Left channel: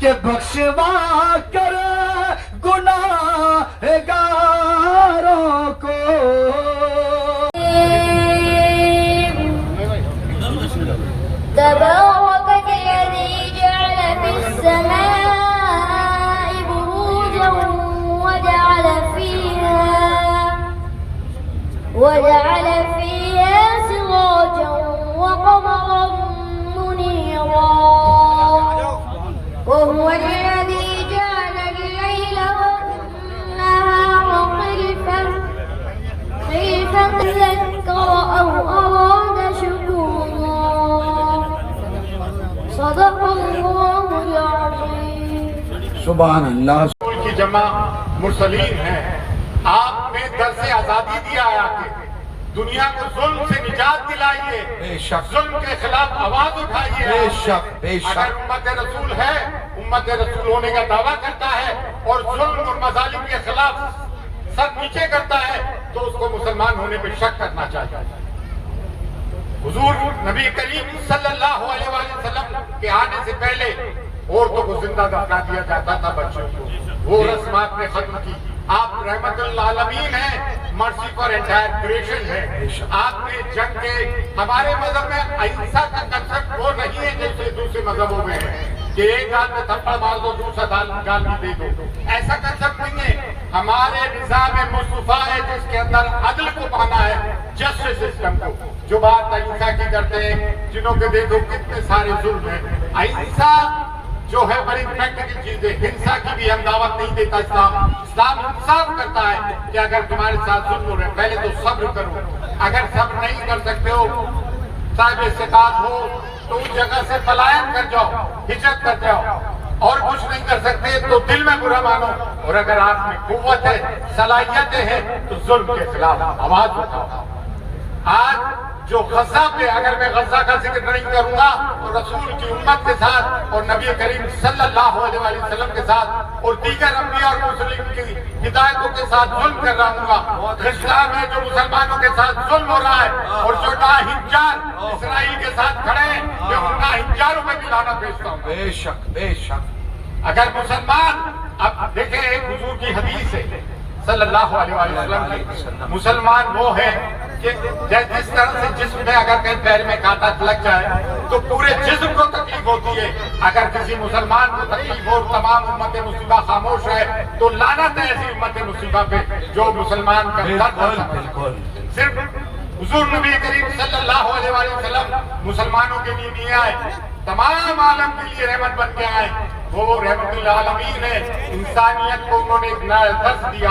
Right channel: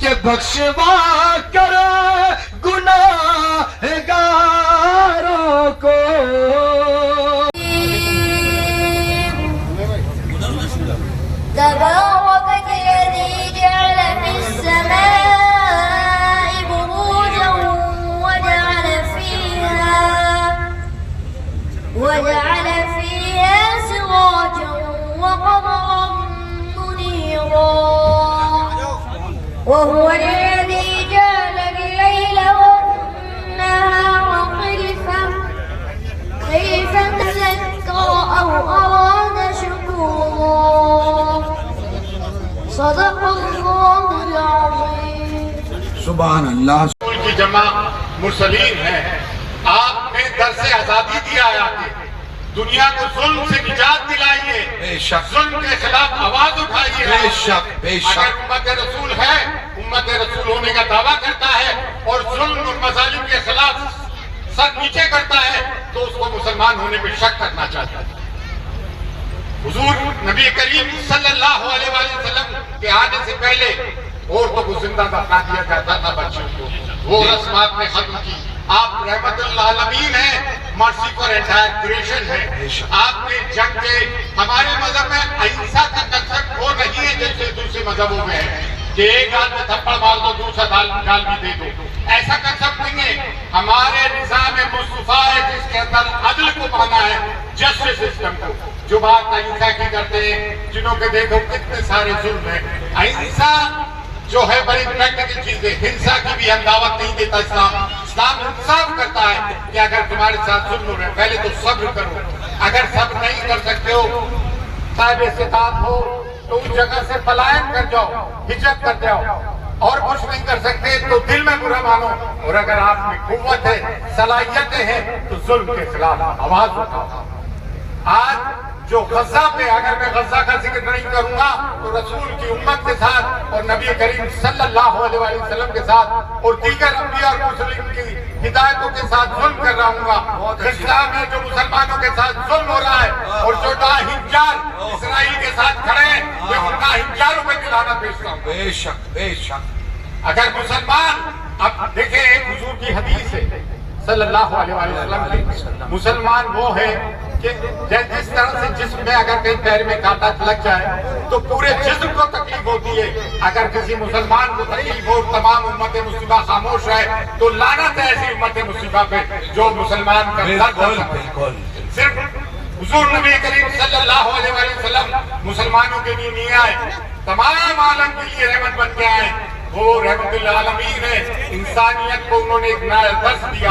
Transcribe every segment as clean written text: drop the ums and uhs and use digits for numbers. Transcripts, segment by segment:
کہ بخشوا کر گناہگاروں کو. تبارك الذي جعل في السماء بروجا وجعل فيها سراجا وقمرا منيرا وهو الذي جعل الليل والنهار خلفة تذكر أو أراد شكورا. صدق الله العظيم. سبحان اللہ. کی جمع مرسلین ہیں. آپ نے درس آزادی دیا ہے کہ دنیا کو ظلم سے نجات دلائیے, ظلم کے خلاف آواز اٹھائیے. بے شک بے شک. اگر امت رسول ہے, امت رسول ہونے کا دعویٰ کرتا ہے اور ظلم اور مظالم کے خلاف سر نیچے کرتا ہے تو اس کو مسلمان ہونے پہ شک کرنا چاہتا ہے. حضور نبی کریم صلی اللہ علیہ وسلم کے آنے سے پہلے عورتوں کو زندہ دفنا دیا جاتا تھا, بچوں کو. وہ رسم آپ نے ختم کی. آپ رحمت للعالمین ہیں, مرسی فار انٹائر کریشن ہے. آپ نے جنگ کے, ہمارے مذہب میں اہنسا کا کنسپٹ وہ نہیں ہے جیسے دوسرے مذہبوں میں ہے کہ ایک گال میں تھپڑ مار دو دوسرا گال بھی دے دو. ایسا کنسپٹ نہیں ہے. ہمارے نظام مصطفیٰ ہے جس کے اندر عدل کو مانا ہے, جسٹس سسٹم کو. جو بات اہنسا کی کرتے ہیں, جنہوں کے دیکھو کتنے سارے ظلم ہیں. اہنسا جو ہے بڑی پریکٹیکل چیز ہے. ہنسا کی بھی ہم دعوت نہیں دیتا. اسلام انصاف کرتا ہے کہ اگر تمہارے ساتھ ظلم ہو رہے ہیں پہلے تو صبر کرو. اگر صبر نہیں کر سکتے ہو, صاحب استطاعت ہو تو اس جگہ سے پلائن کر جاؤ, ہجرت کر جاؤ. اور کچھ نہیں کر سکتے تو دل میں برا مانو, اور اگر آپ میں قوت ہے, صلاحیتیں ہیں تو ظلم کے خلاف آواز اٹھاؤ. آج جو غزہ پہ, اگر میں غزہ کا ذکر نہیں کروں گا تو رسول کی امت کے ساتھ اور نبی کریم صلی اللہ علیہ وسلم کے ساتھ اور دیگر انبیاء اور مسلم کی ہدایتوں کے ساتھ ظلم کر رہا ہوں گا. اسلام میں جو مسلمانوں کے ساتھ ظلم ہو رہا ہے اور جو ناہنجار اسرائیل کے ساتھ کھڑے ہیں, میں ان ناہنجاروں پہ بھی لعنت بھیجتا ہوں. بے شک بے شک. اگر مسلمان, اب دیکھیں ایک حضور کی حدیث ہے صلی اللہ علیہ وسلم کی, مسلمان وہ ہے کہ جس طرح سے جسم میں اگر کہیں پیر میں کانٹا لگ جائے تو پورے جسم کو تکلیف ہوتی ہے. اگر کسی مسلمان کو تکلیف ہو, تمام امت مصیبہ خاموش ہے, تو لعنت ہے ایسی امت مصیبہ پہ جو مسلمان کا درد ہے. صرف حضور نبی کریم صلی اللہ علیہ وسلم مسلمانوں کے لیے نہیں آئے, تمام عالم کے لیے رحمت بن کے آئے. وہ رحمت للعالمین ہے. انسانیت کو انہوں نے ایک نیا درس دیا.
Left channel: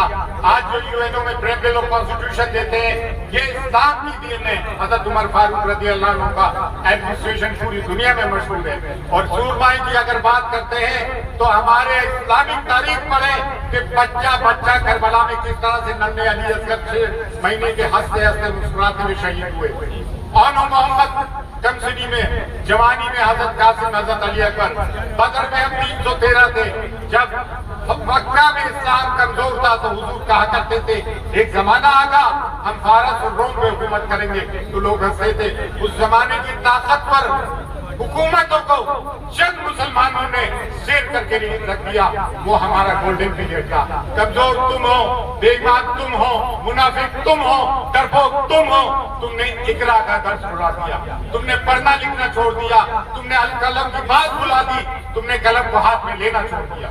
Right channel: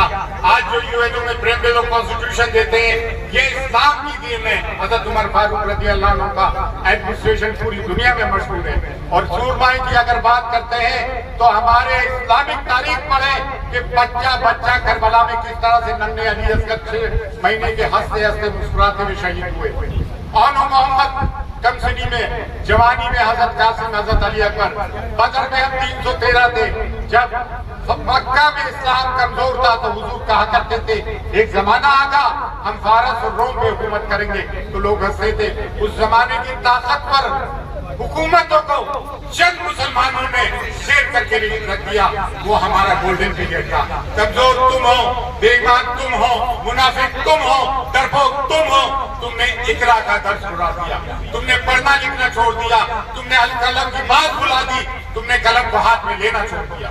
آج جو یو میں پریمبل اور کانسٹیٹیوشن دیتے ہیں, یہ اسلام کی دین ہے. حضرت عمر فاروق رضی اللہ عنہ کا ایڈمنسٹریشن پوری دنیا میں مشہور ہے. اور سور بھائی کی اگر بات کرتے ہیں تو ہمارے اسلامک تاریخ پڑھے کہ بچہ کربلا میں کس طرح سے ننھے علی اصغر 6 مہینے کے ہنستے ہنستے مسکراتے ہوئے شہید ہوئے. اور محمد کمسنی میں, جوانی میں حضرت قاسم, حضرت علی اکبر. بدر میں ہم 313 تھے. جب مکہ میں اسلام کمزور تھا تو حضور کہا کرتے تھے ایک زمانہ آگا ہم فارس اور روم پہ حکومت کریں گے, تو لوگ ہنستے تھے. اس زمانے کی طاقتور حکومتوں کو چند مسلمانوں نے سیر کر کے رکھ دیا. وہ ہمارا گولڈن پیریڈ تھا. کمزور تم ہو, بے ایمان تم ہو, منافق تم ہو, ڈرپوک تم ہو. تم نے اقرا کا درس اڑا دیا, تم نے پڑھنا لکھنا چھوڑ دیا, تم نے قلم کی بات بھلا دی, تم نے قلم کو ہاتھ میں لینا چھوڑ دیا.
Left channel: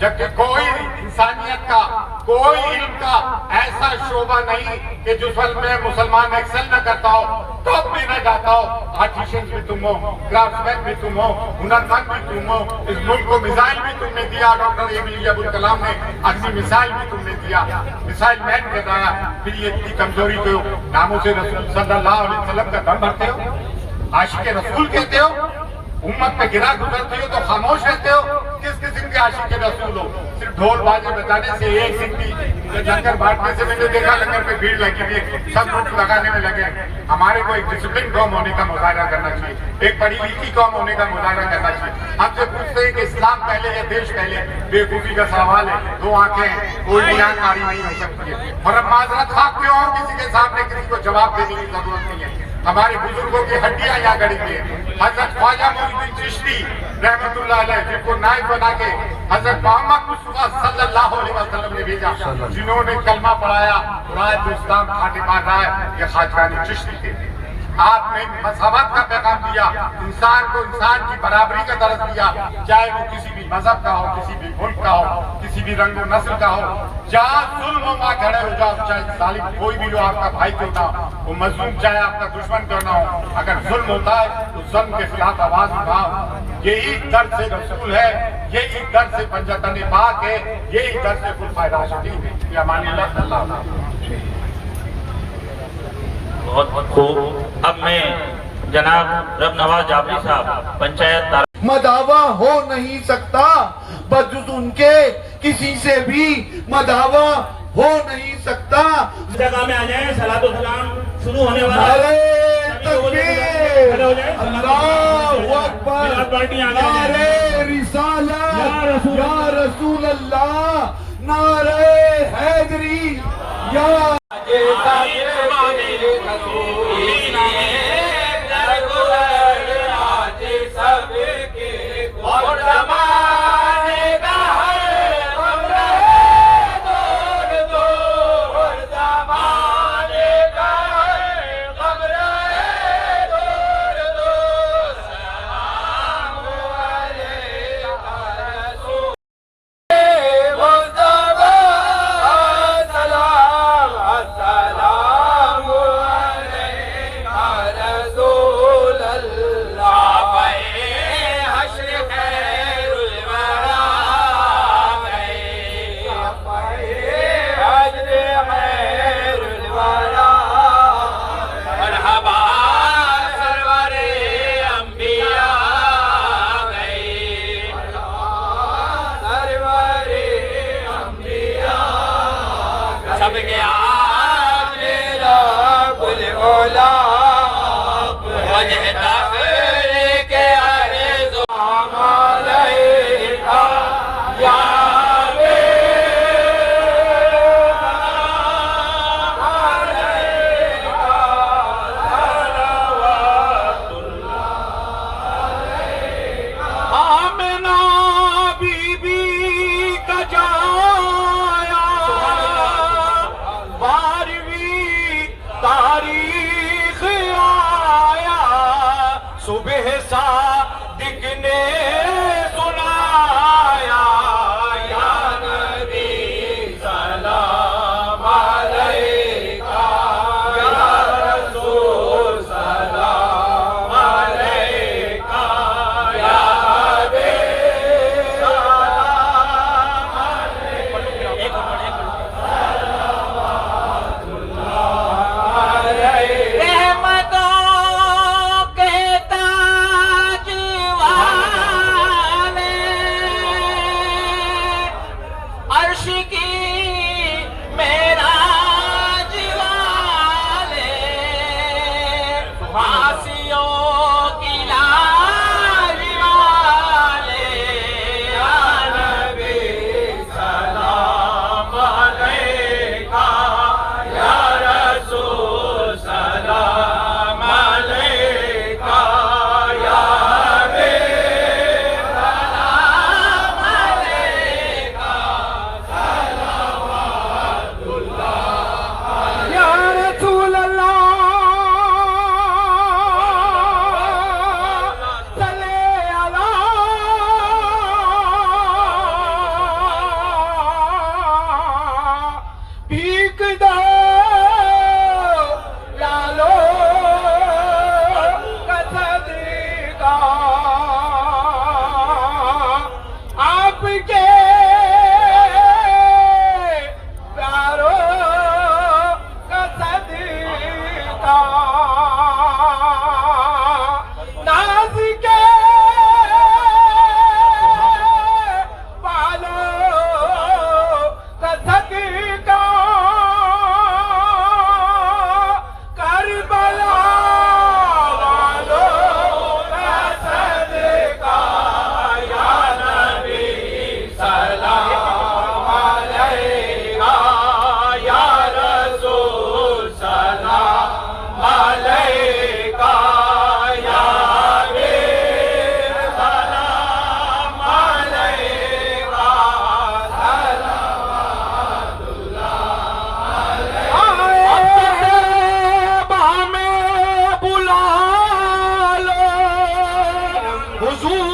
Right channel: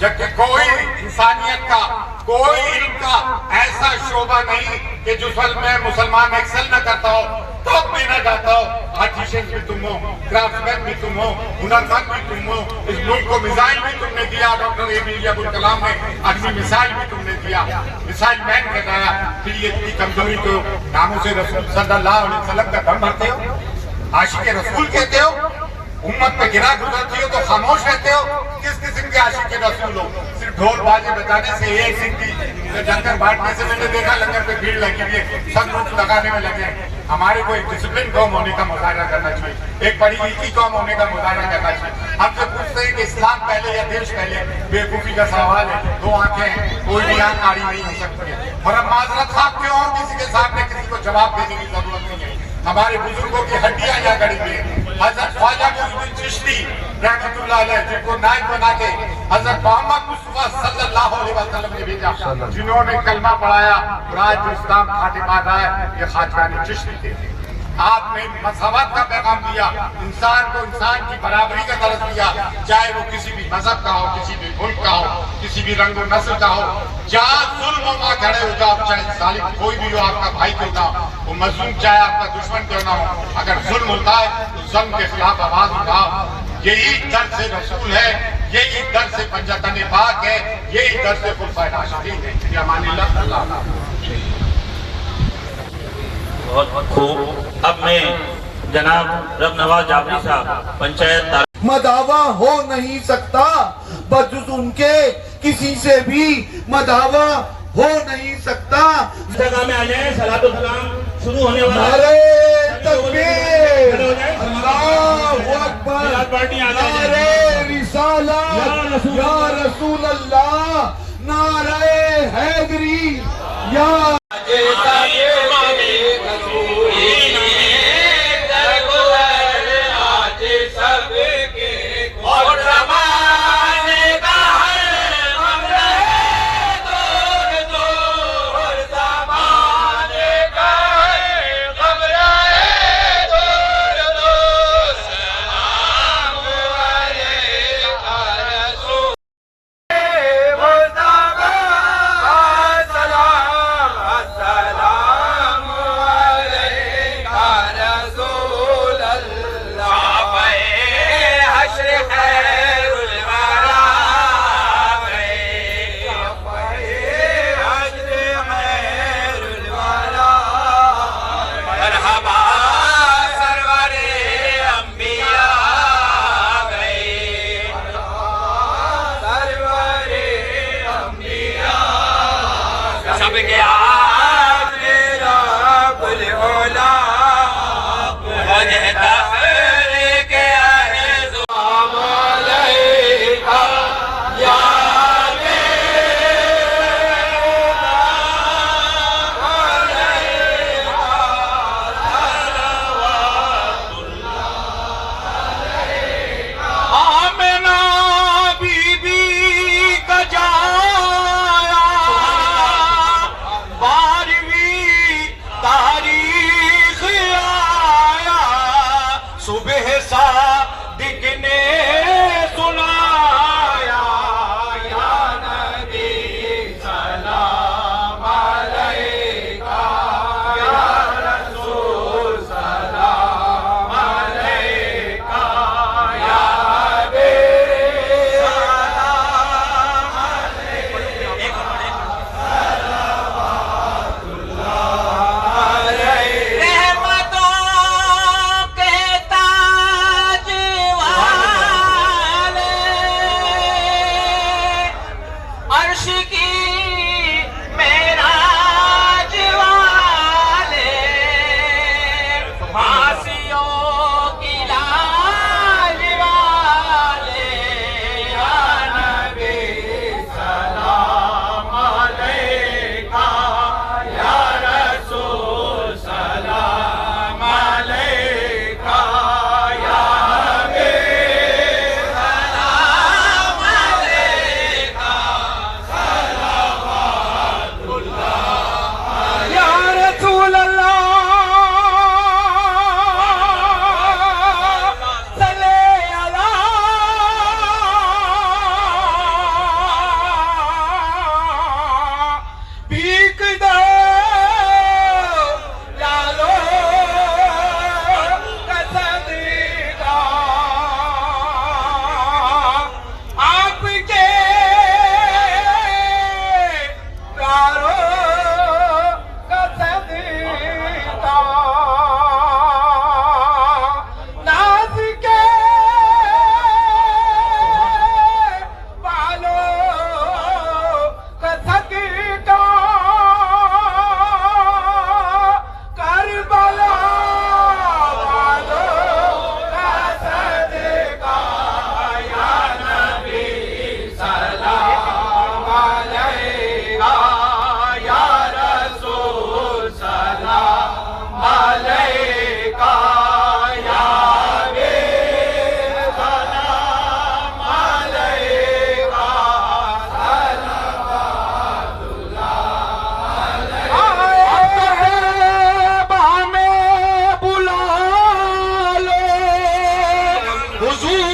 جبکہ کوئی انسانیت کا, کوئی علم کا ایسا شعبہ نہیں کہ جس میں مسلمان ایکسل نہ کرتا ہو, ٹاپ میں نہ جاتا ہو. آرٹیشن بھی تم ہو, کرافٹمین بھی تم ہو, ہنرمند بھی تم ہو. اس ملک کو میزائل بھی تم نے دیا, ڈاکٹر APJ عبدالکلام نے اپنی میزائل بھی تم نے دیا, میزائل مین کہلایا. پھر یہ اتنی کمزوری تو ناموں سے رسول صلی اللہ علیہ وسلم کا دم بھرتے ہو, عاشق رسول کہتے ہو, امت میں گرا گزرتی ہو تو خاموش رہتے ہو. کس قسم کے عاشق رسول ہو؟ صرف ڈھول بازے بجانے سے ایک سکتی لنگر بانٹنے سے میں نے دیکھا لنگر پہ بھیڑ لگی ہوئی ہے, سب لوگ لگانے میں لگے ہیں. ہمارے کو ایک ڈسپلن قوم ہونے کا مظاہرہ کرنا چاہیے, ایک پڑھی لکھی قوم ہونے کا مظاہرہ کرنا چاہیے. ہم سے پوچھتے ہیں کہ اسلام پہلے یا دیش پہلے, بیوقوفی کا سوال ہے. 2 آنکھیں ہیں, کوئی بھی آنکھ کاری نہیں ہو سکتی ہے. اور ہم معذرت خواہ کیوں ہوں, کسی کے سامنے کسی کو جواب دینے کی ضرورت نہیں ہے. ہمارے بزرگوں کی ہڈیاں یہاں گڑی ہوئی ہیں. حضرت خواجہ معین الدین چشتی رحمت اللہ علیہ جن کو نائب بنا کے حضرت محمد مصطفیٰ صلی اللہ علیہ وسلم نے بھیجا، جنہوں نے کلمہ پڑھایا اور آج جو اسلام کھاٹے مار رہا ہے یہ خواجہ چشتی تھے۔ آپ نے مساوات کا پیغام دیا، انسان کو انسان کی برابری کا درس دیا، چاہے وہ کسی بھی مذہب کا ہو، کسی بھی ملک کا ہو، کسی بھی رنگ و نسل کا ہو، جہاں ظلم ہو وہاں کھڑے ہو جاؤ، چاہے ظالم کوئی بھی ہو، آپ کا بھائی کیوں نہ ہو، وہ مظلوم چاہے آپ کا دشمن کیوں نہ ہو، اگر ظلم ہوتا ہے تو ظلم کے خلاف آواز اٹھاؤ۔ یہی درس رسول ہے، یہی درس پنجتن پاک ہے، یہی درس خلفائے راشدین ہے۔ یہ امان اللہ صلی اللہ علیہ وسلم۔ بہت خوب۔ اب میں جناب رب نواز جعفری صاحب پنچایت مداوا ہو نہیں سکتا بجز ان کے کسی سے بھی مداوا ہو نہیں سکتا۔ جگہ میں آ جائیں، صلاۃ و سلام شروع ہونے والا ہے۔ نعرہ تکبیر، اللہ اکبر، نعرہ رسالت یا رسول اللہ، نعرہ حیدری یا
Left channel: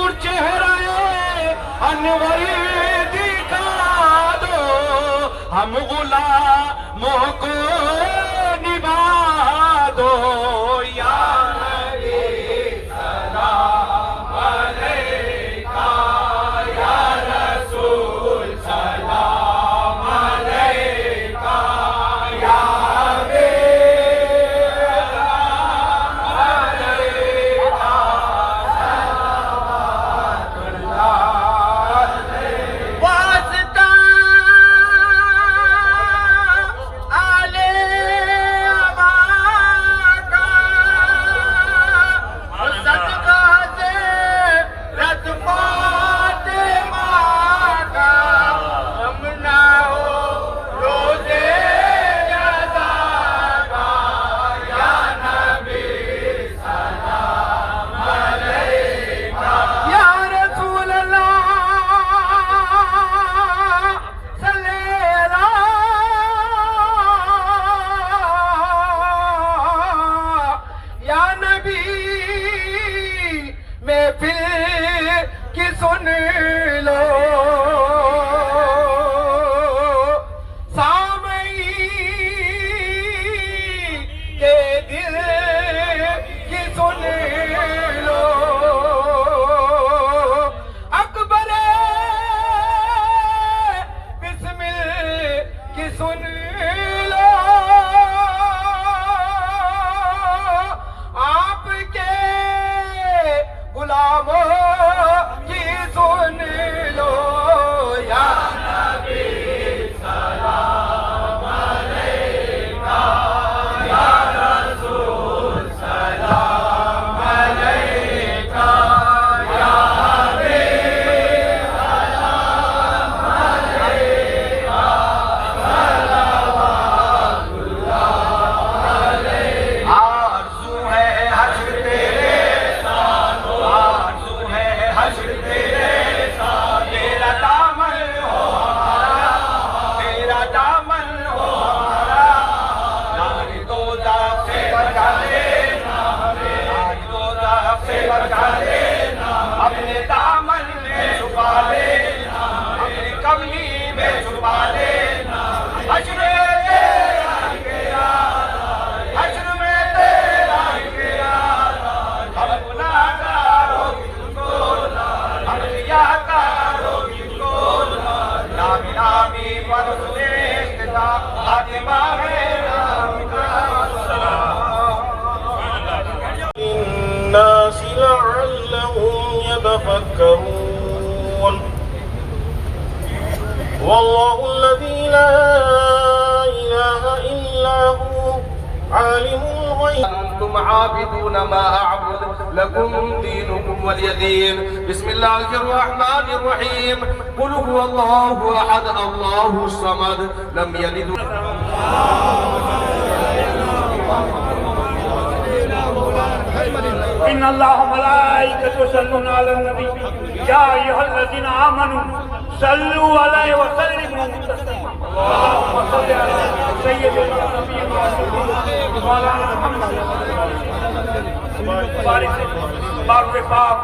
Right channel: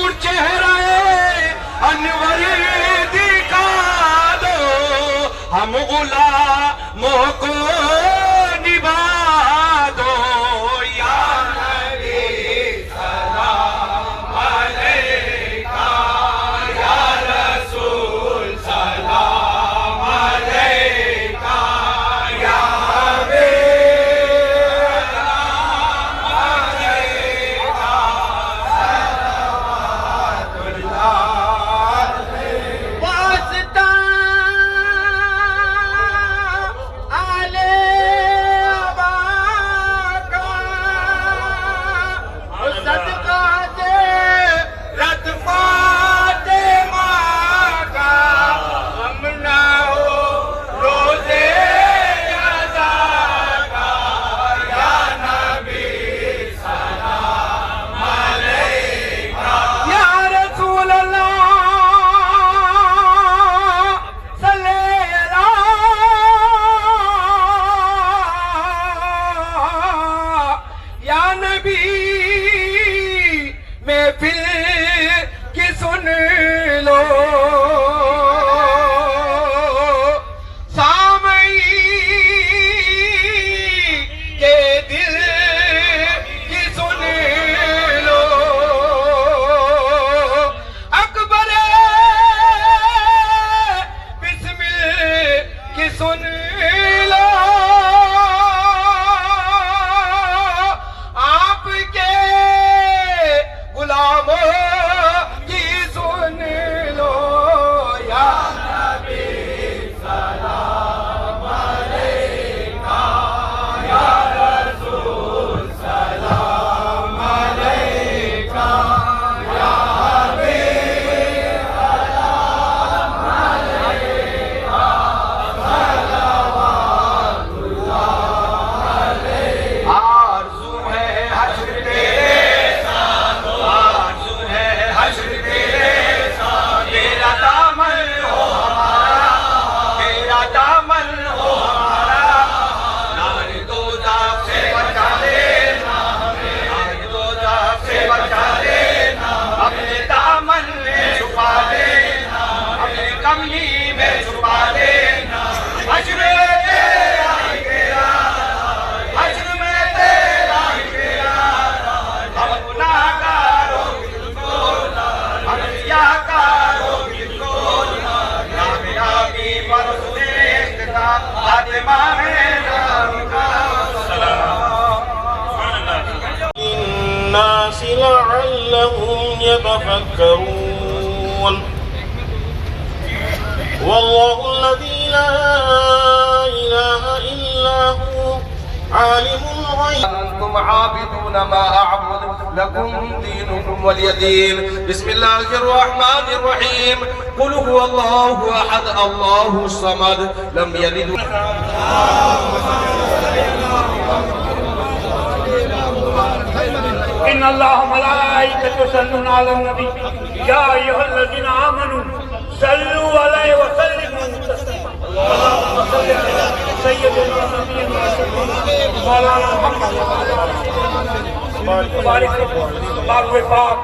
حضور چہرہ انور دکھا دو ہم غلاموں کو نبھا دو یا نبی سلام علیکہ یا رسول سلام علیکہ یا الناس لعلهم يتفكرون والله الذي لا إله إلا هو عالم الغيب أنتم عابدون ما أعبد لكم دينكم ولي دين بسم الله الرحمن الرحيم قل هو الله أحد الله الصمد لم يلد إن الله وملائكته يصلون على النبي يا أيها الذين آمنوا صلوا عليه وسلموا تسليما اللهم صل على سيدنا مولانا محمد بارك پاک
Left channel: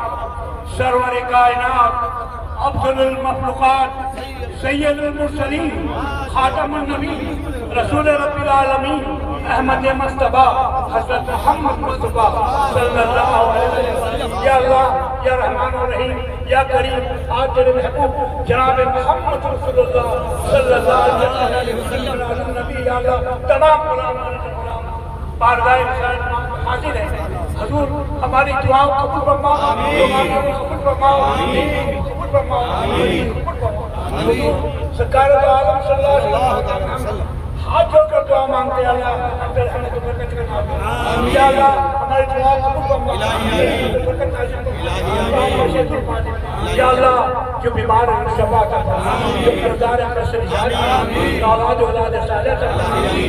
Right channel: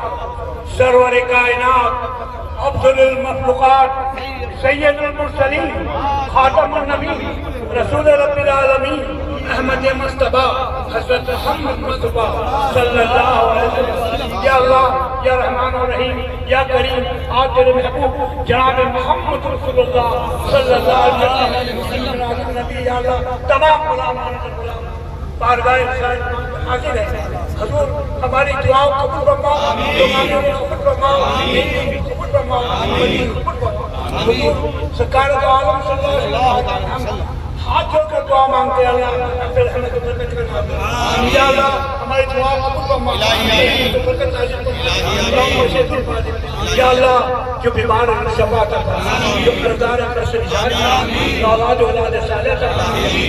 سرور کائنات افضل المخلوقات سید المرسلین خاتم النبی رسول رب العالمین احمد مصطفیٰ حضرت محمد مصطفیٰ صلی اللہ علیہ وسلم یا اللہ یا رحمان الرحیم یا کریم آج تیرے محبوب جناب محمد رسول اللہ صلی اللہ علیہ وسلم نبی یا اللہ تمام غلامان بارگاہ رسالت حاضر ہے حضور ہماری دعاؤں قبول فرما قبول فرما سرکار دو عالم صلی اللہ علیہ وسلم ہاتھ جوڑ کر دعا مانگتے ہیں اللہ یا اللہ ہماری دعاؤں قبول فرما یا اللہ جو بیمار ہے شفا عطا فرما جو قرضدار ہے قرض سے نجات اولاد اولاد صالح عطا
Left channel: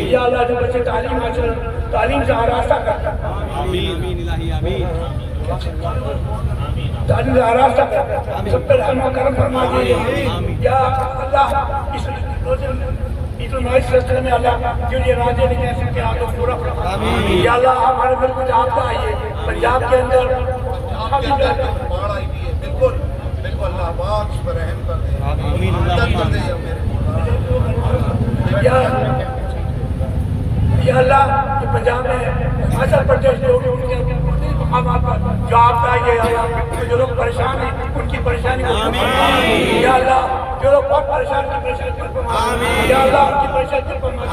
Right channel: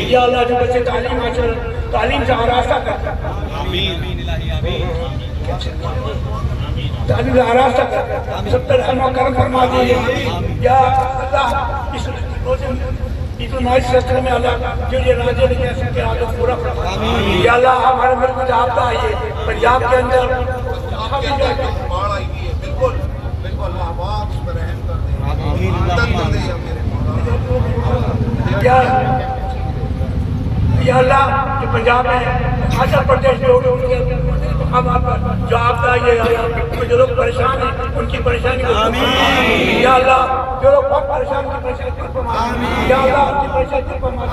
یا اللہ جو بچے تعلیم حاصل تعلیم سے آراستہ کرتا تعلیم سے آراستہ کرتا سب پر رحم و کرم فرما دیجیے یا اللہ اس عید المعید سلسلے میں اللہ جو یہ راجے نہیں کہہ سکتے آپ کو پورا فرما یا اللہ ہمارے ملک میں جابطہ آئیے پنجاب کے اندر بالکل یا اللہ یہ پنجاب میں ہزار پردیش لوگ ان کے مقامات پر جو آپ کا یہ جو لوگ پریشان ہیں ان کی پریشانی کو یا اللہ جو لوگ بہت پریشان ہیں پریشان کر فرما یا اللہ ان کی پریشانی کر فرما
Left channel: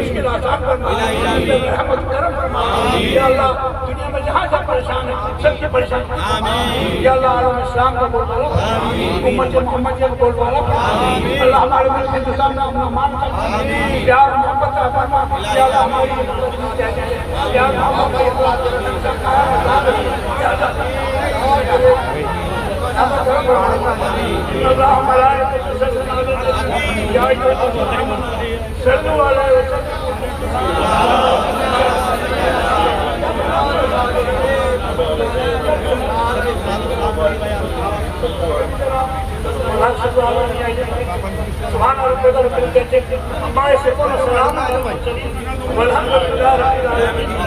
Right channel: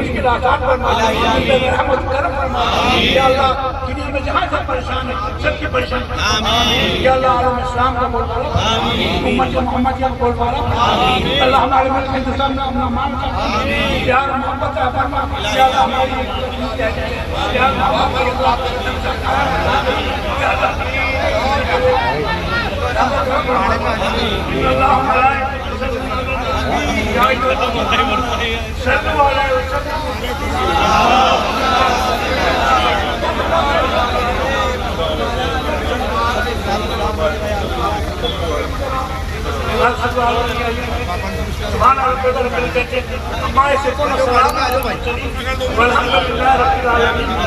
اس کے آزاد فرما رحمت کرم فرما یا اللہ دنیا میں جہاں سے پریشان ہیں سب کی پریشانی یا اللہ عالم اسلام کا بول والا امت محمد کا بول والا اللہ ہمارے ملک ہندوستان میں اپنا مان کر پیار محبت کا فرما یا اللہ ہماری یا اللہ ہماری سبحان ربك رب العزة عما يصفون وسلام على المرسلين والحمد لله رب العالمين.